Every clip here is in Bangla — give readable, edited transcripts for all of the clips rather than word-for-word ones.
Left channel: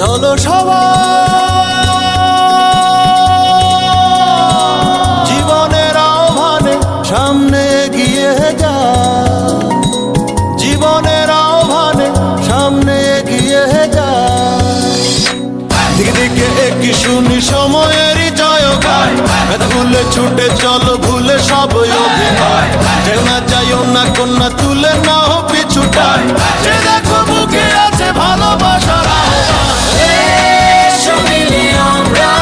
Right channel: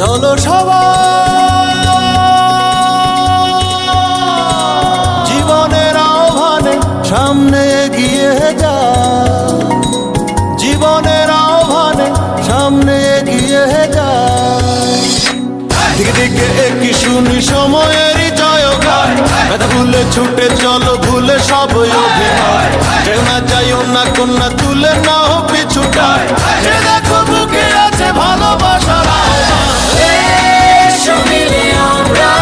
চলো সবাই জীবনের আহ্বানে সামনে এগিয়ে যায়, জীবনের আহ্বানে সামনে এগিয়ে যায়। দিকে দিকে একই শুনি সময়েরই জয়গান, ব্যথা ভুলে ছুটে চলো ভুলে সব অভিনয়। যেও না যাইও না কন্যা তুলে নাও পিছুটায়, যে দেখো বুকে আছে ভালোবাসার আহ্বান। এসো মিলে আমরা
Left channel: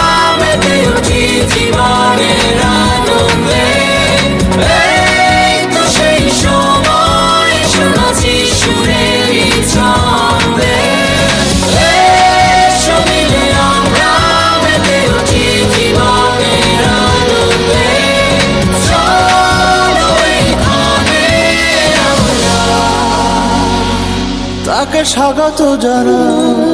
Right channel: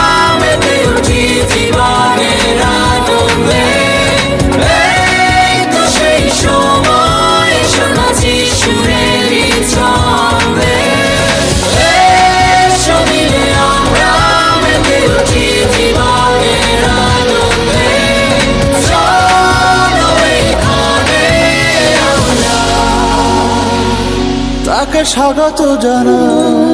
মেতে উঠি জীবনের আনন্দে, এই তো সেই সময় শোনাচ্ছি সুরেরই ছন্দে। এসো মিলে আমরা মেতে উঠি জীবনের আনন্দে, চলো এখানে আমরা তাকে স্বাগত জানাই।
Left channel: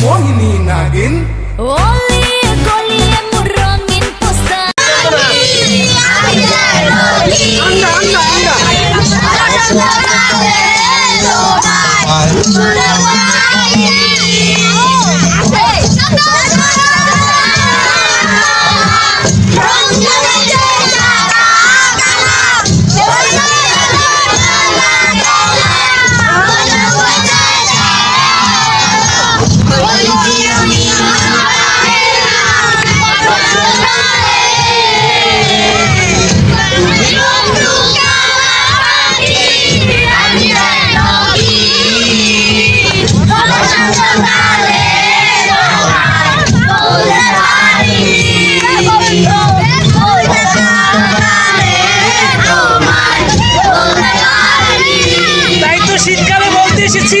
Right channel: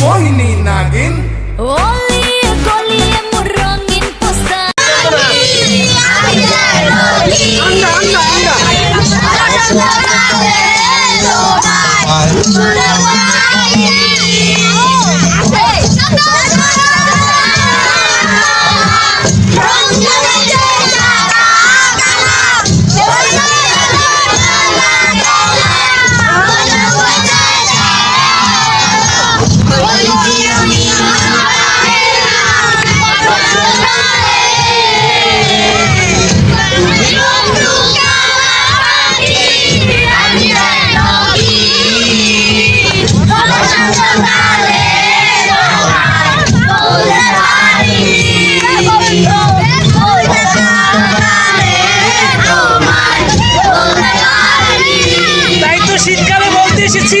Mohini Nagin. Oli goliye murangin posa. Thank you. শীতকালে বলতে এসেছি।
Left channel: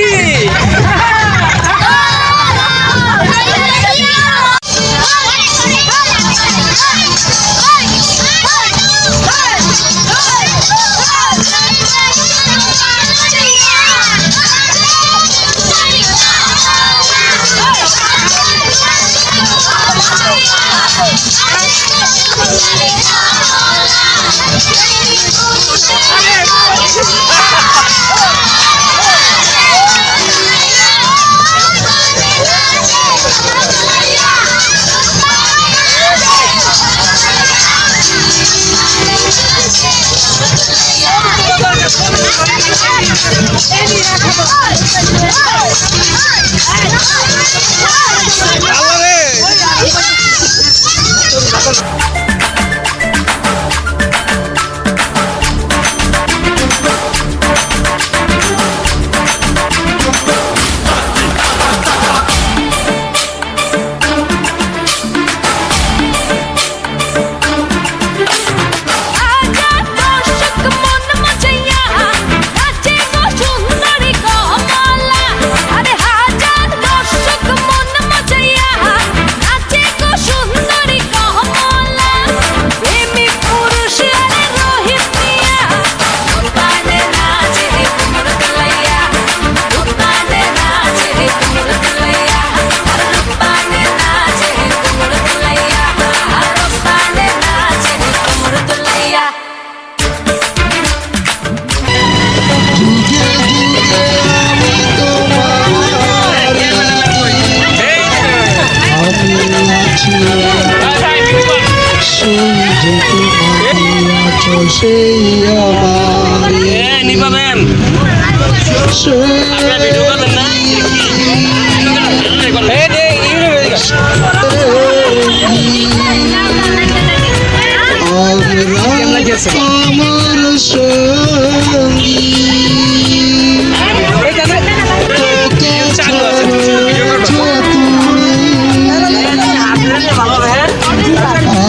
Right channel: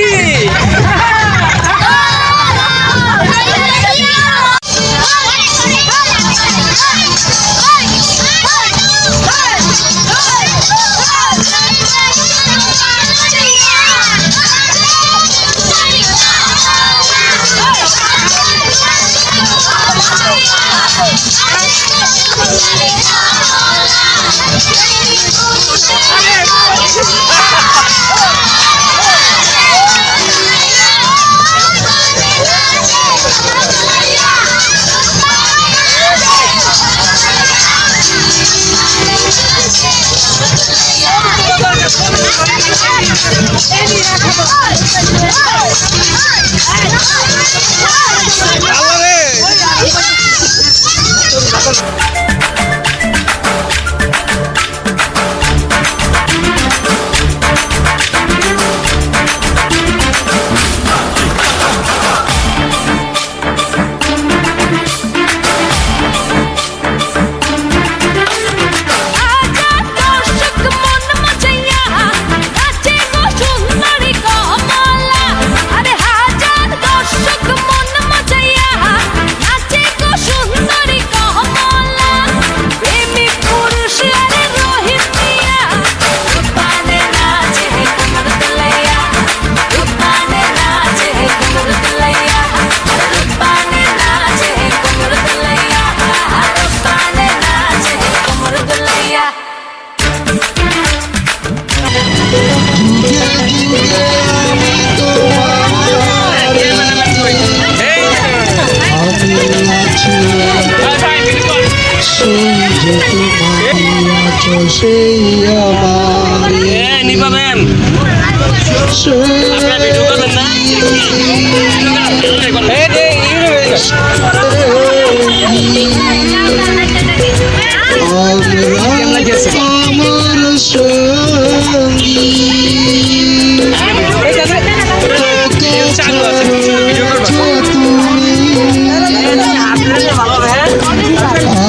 নিপা ম্যাম আপনারা ভিডিও করবেন না? আমার সঙ্গী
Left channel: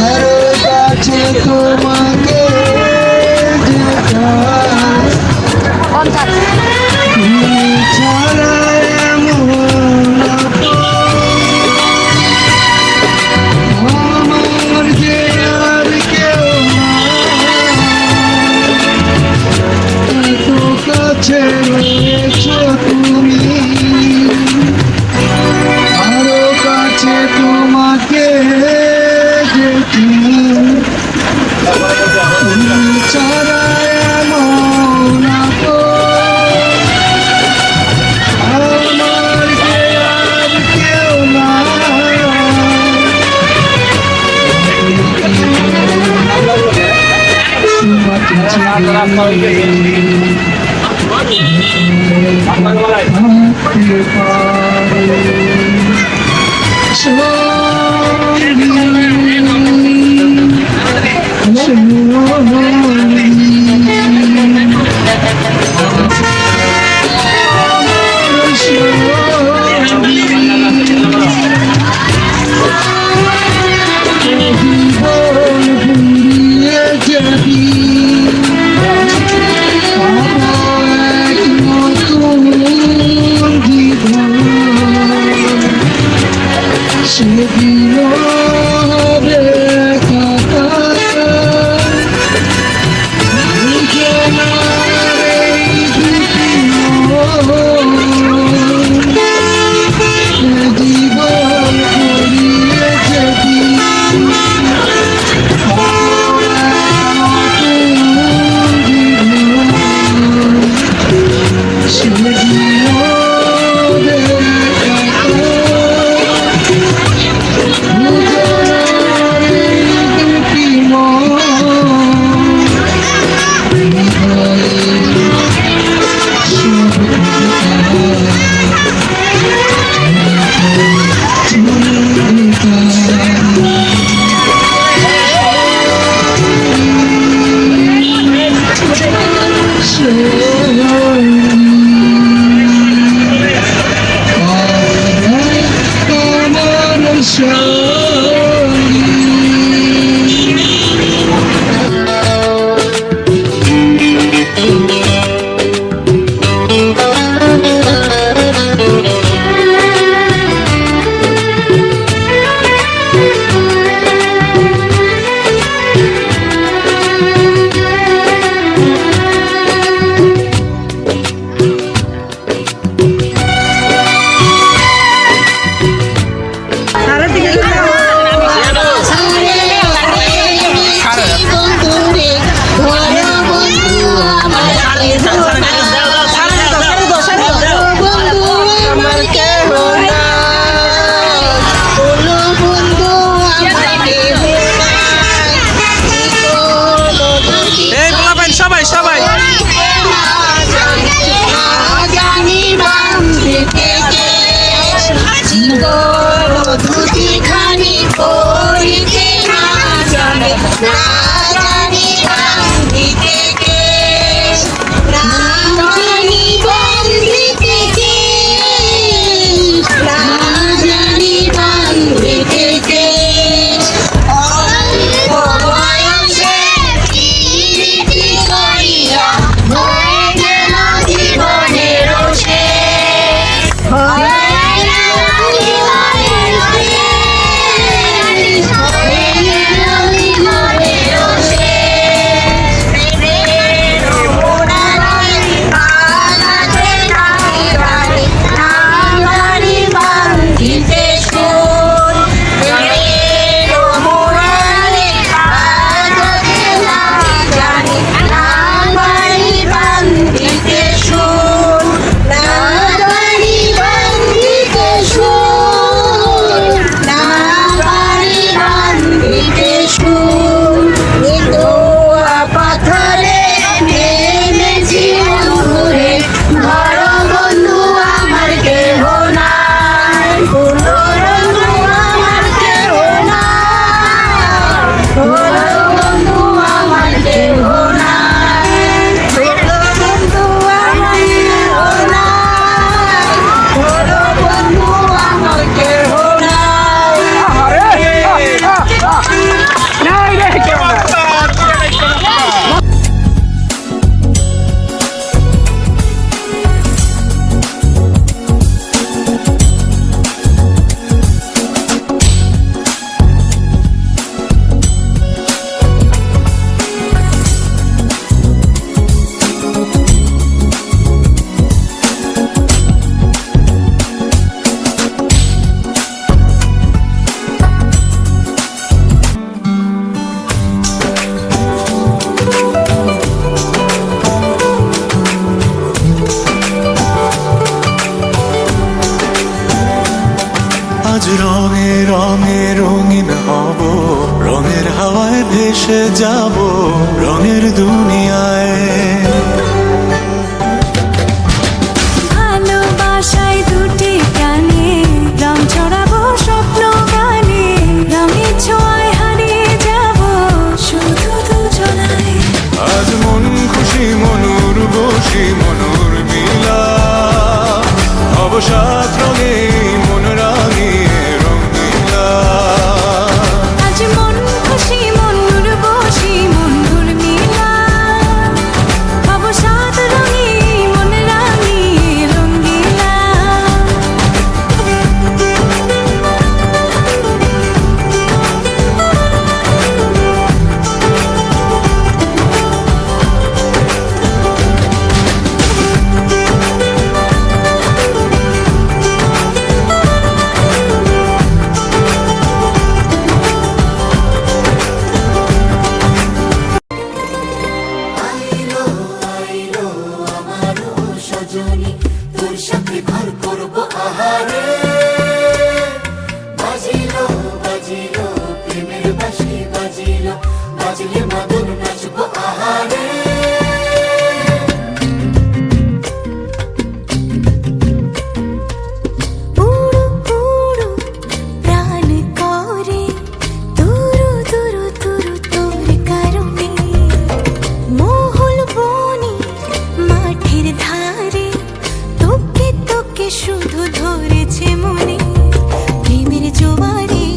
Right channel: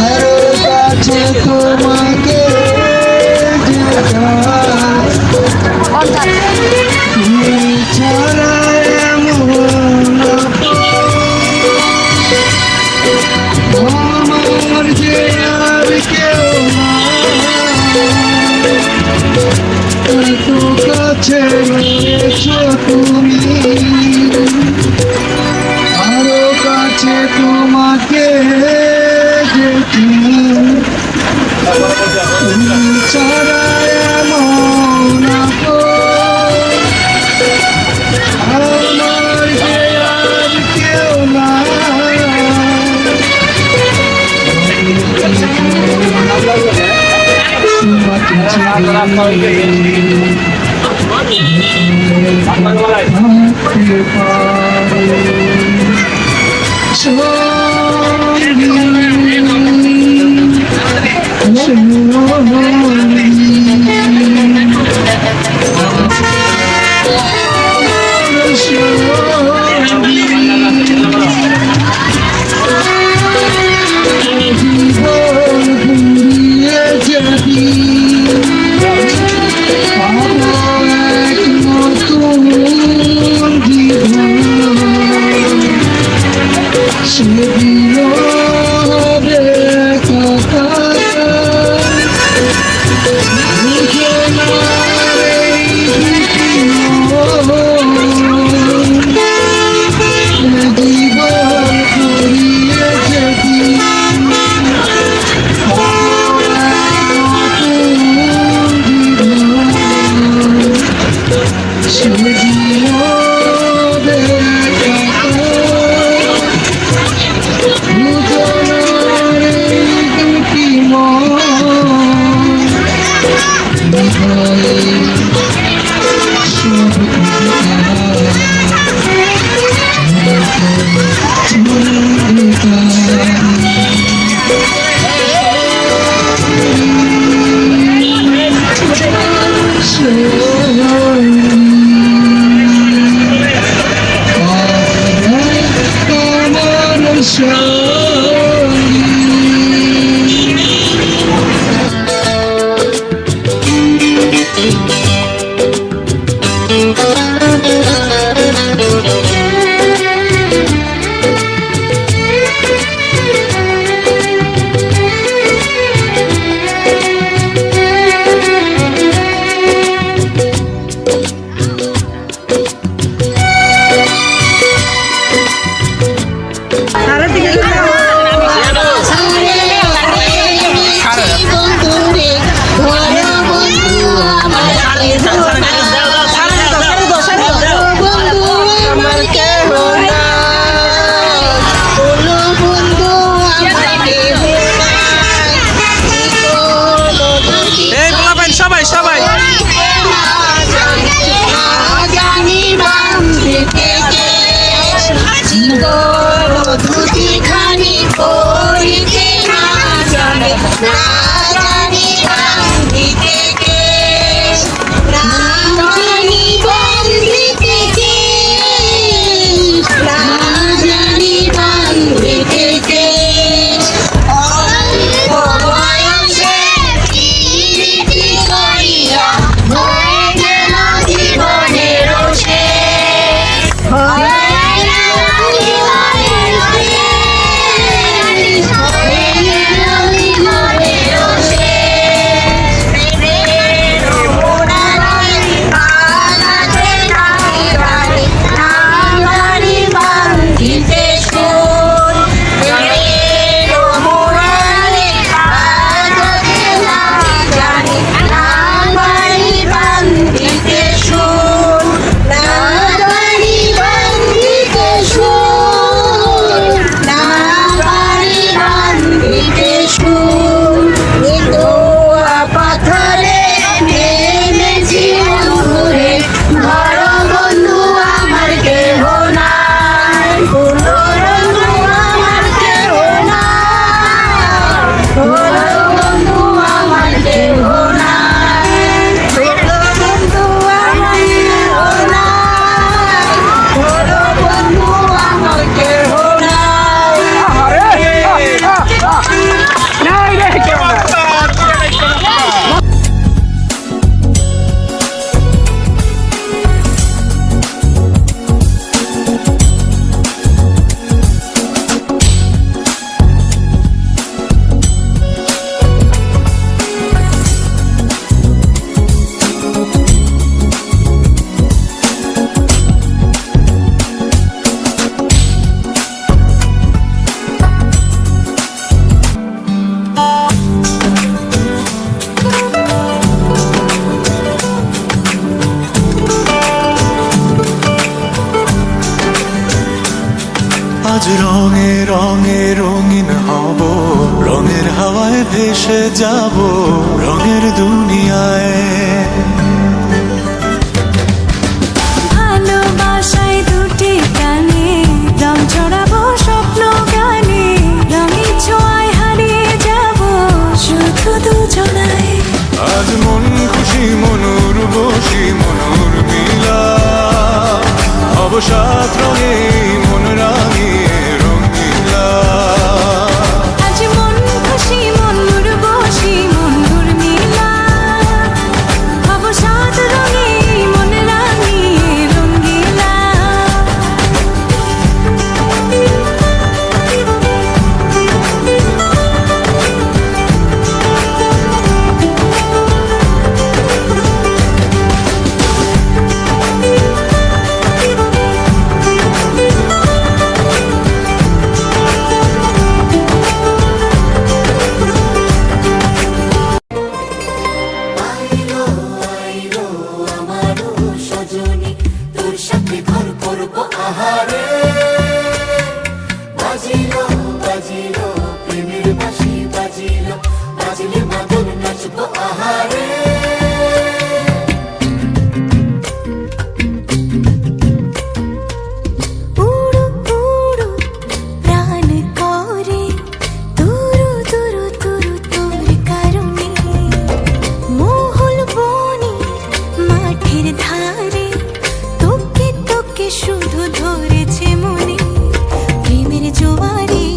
আরো কাছে তোমাকে ছাড়া এমন আমার যে আর কেউ এত কাছে রয়েছো তুমি আরো কাছে তোমাকে ছাড়া এমন আমার যে আর কেউ না আজ রঙে রঙে রঙিন হব, রঙের হাওয়ায় ভেসে যাব রঙের দুনিয়ায়। ভালোবাসায় দুটি প্রাণে রং ছড়াবো স্বপ্ন গানে, রঙের ছোঁয়ায় হারিয়ে যাব শুধু দুজনায়। আজ মন খুশি মনুর বসি মনুর মিলা, অবসাদ রঙে মন রাঙিয়ে রঙিলা। আজ মন খুশি মনুর বসি মনুর মিলা, অবসাদ রঙে মন রাঙিয়ে রঙ্গিলা। তোর সাথে ঘর করবো আহারে, বাজিলো বাজিলো প্রেমের বাঁশি বাজিলো, বাজিলে মদন নাচবো আহারে। উড়ু উড়ু প্রাণ করে তুরু তুরু তুরু তোর কারণে, মহুল বনে মাঠের ধারে তোকে তোকে শুধু ধরেছে মনে। প্রেমের জোয়ারে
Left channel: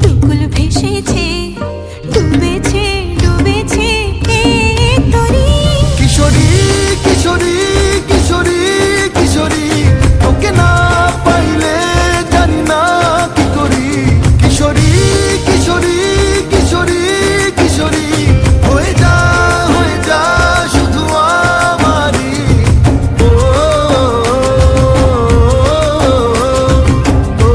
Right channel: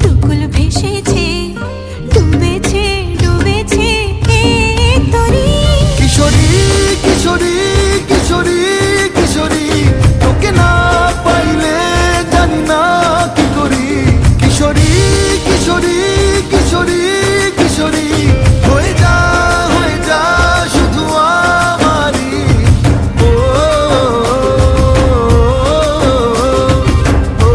দুকুল ভেসেছে, ডুবেছে ডুবেছে এই তরি। কিশোরী কিশোরী কিশোরী কিশোরী, তোকে না পাইলে জানি না কি করি। কিশোরী কিশোরী কিশোরী কিশোরী, হয়ে যা শুধু আমারই। ও, ও, ও, ও,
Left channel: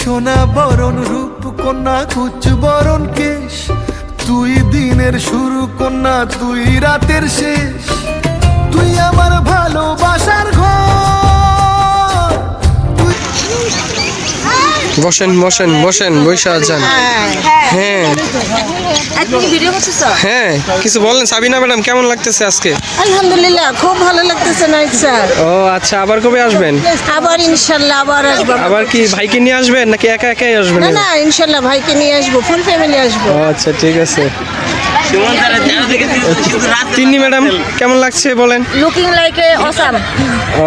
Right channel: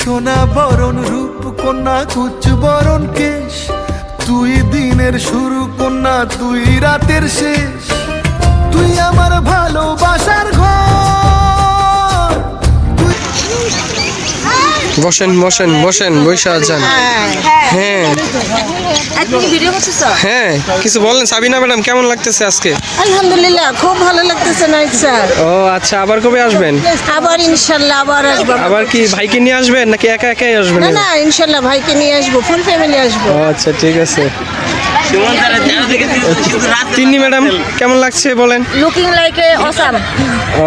সোনা বরণ রূপ কন্যা কুচ বরণ কেশ, তুই দিনের শুরু কন্যা তুই রাতের শেষ। তুই আমার ভালোবাসার ঘর, তুই বসেন বসেন বসেন, বৈশা যান। হ্যাঁ হ্যাঁ, কিছু বলেন সাবিনা ম্যাডাম, কেমন লাগতেছে আজকে? আলহামদুলিল্লাহ, খুব ভালো লাগতেছে নাইট স্যার। ও আচ্ছা, আবার কবে আসবেন? আবার ইনশাল্লাহ আবার আসবো। আবার কি ভাইকে নিয়ে আসবেন নাকি একা একাই আসবেন? না না, ইনশাল্লাহ ভাইকে নিয়ে আসবো, ফুল ফ্যামিলি আসবো। ও আচ্ছা ঠিক আছে। তিন্নি ম্যাডাম কেমন লাগছে বলেন? Looking like a awesome. ও,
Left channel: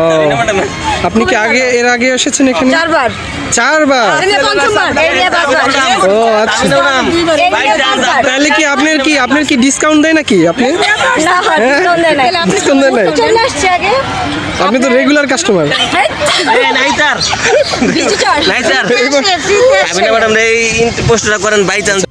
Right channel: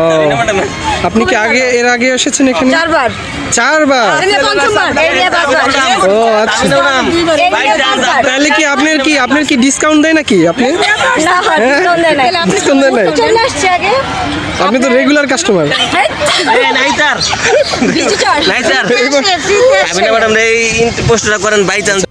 আপনি কি এর আগে এসেছেন এখানে? চারবার। চারবার? পঞ্চমবার। ও আচ্ছা, তাহলে কি আপনার কি ডিসকাউন্ট দেয় নাকি? আপনি ডিসকাউন্ট দেয় নাই? আপনি তো রেগুলার কাস্টমার। ম্যাডাম এই পোস্টটা করেন বাই চান্স।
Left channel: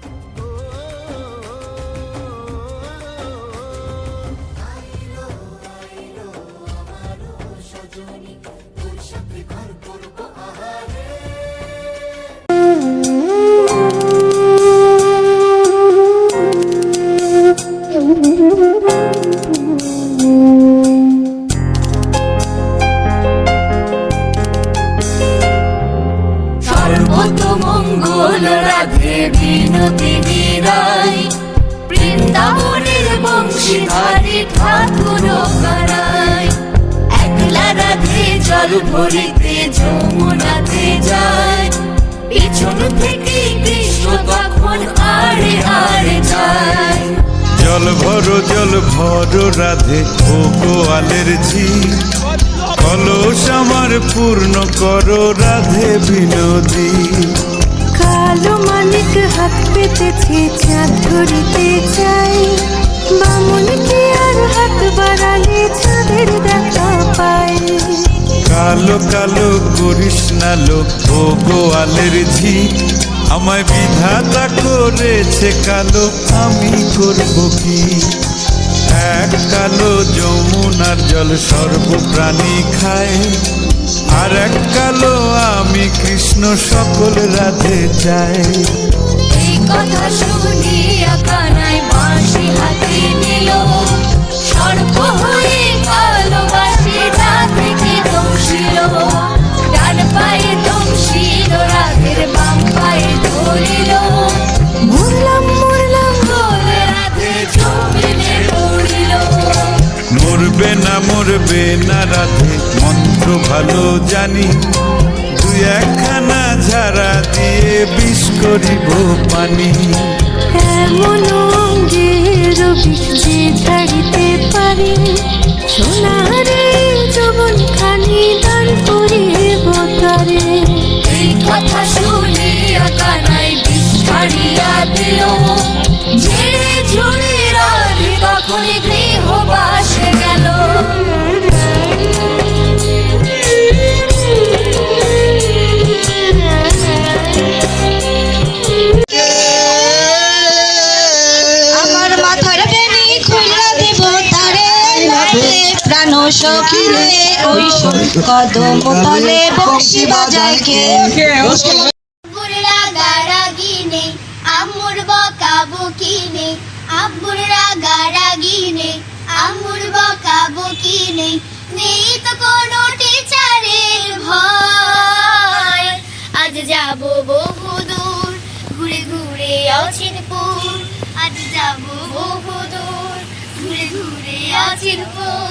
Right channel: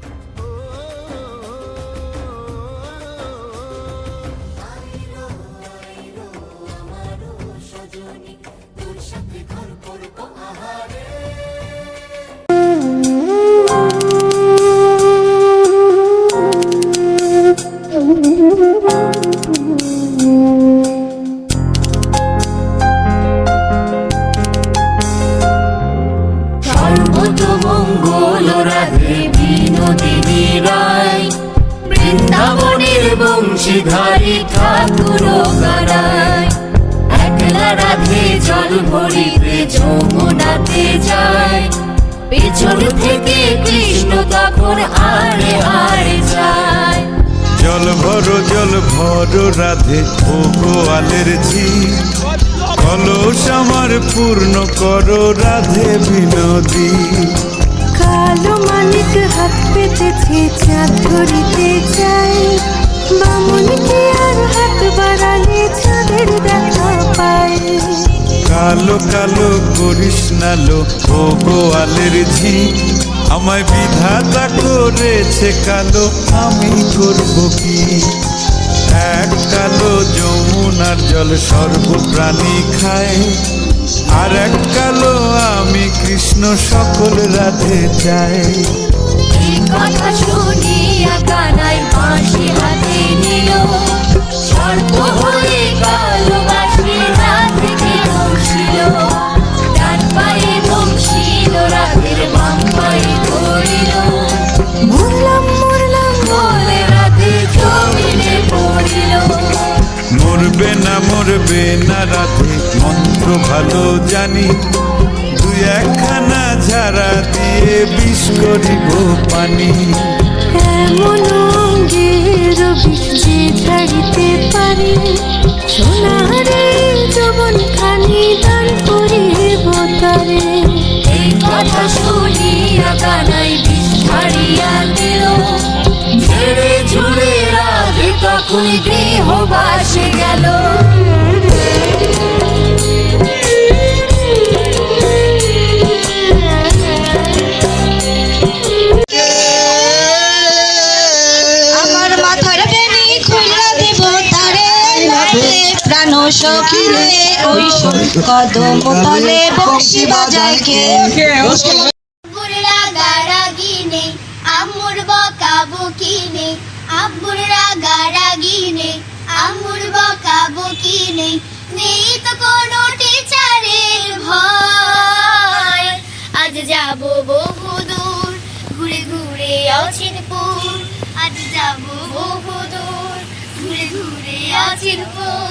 মঙ্গল রাধে বিনোদিনী রায়, বৃন্দাবনের বংশীধারী ঠাকুর করায়। একলা রাধে জল ভরিতে যমুনাতে যায়, পিছন থেকে কৃষ্ণ তখন হারে হারে যায়। জল ভরো রাধে ও গোয়ালের ঝি, কলস আমার পূর্ণ করো রাধে বিনোদী। কালো মানিক হাত পেতেছে চাঁদ ধরিতে চাই, বামুন কি আর হাত বাড়ালে চাঁদের দেখা পাই। কালো কালো করিস না লো ও গোয়ালের ঝি, আমায় বিধাতা করেছে কালো, আমি করব কি? এক কালো যমুনার জল সর্বপ্রাণী খায়, আর এক কালো আমি কৃষ্ণ সকল রাধে চাই। এই কথা শুনিয়া কানাই বাঁশি হাতে নিল, সর্প হয়ে ভালোবাসি যা থেকে দংশিল। ডান পায়ে দংশিল রাধের, বাম পায়ে ধরিল, মরলাম মরলাম বলে রাধে জমিনে পড়িল। মরবে না রাধে মন্ত্র ভালো জানি, দুই একখানা ঝাড়া দিয়ে বিষ করিব পানি। এমন অঙ্গের বিষ যে ছাড়িতে পারে, সোনারে যৌবন খানি দান করিব তারে। এই কথা শুনিয়া কানাই বিস্মারিয়া দিল, ঝেড়ে ঝুড়ে রাধে তখনই গৃহবাসে গেল। আমার মাথার বেনি খুইলা দেব তারে, প্রাণ সখী রে ওই কদম তলে বংশী বাজায় কে। আব্বুর রাগারাগি নেই, আম্মুর বকাবকি নেই। আব্বুর রাগারাগি নেই, আম্মুর বকাবকি নেই। নেই তো কোনো টিচারের ভয়। আজ যাব বহু দূর, ঘুরে ঘুরে অচিনপুর। আজ যাব বহু দূর, ঘুরে ঘুরে অচিনপুর।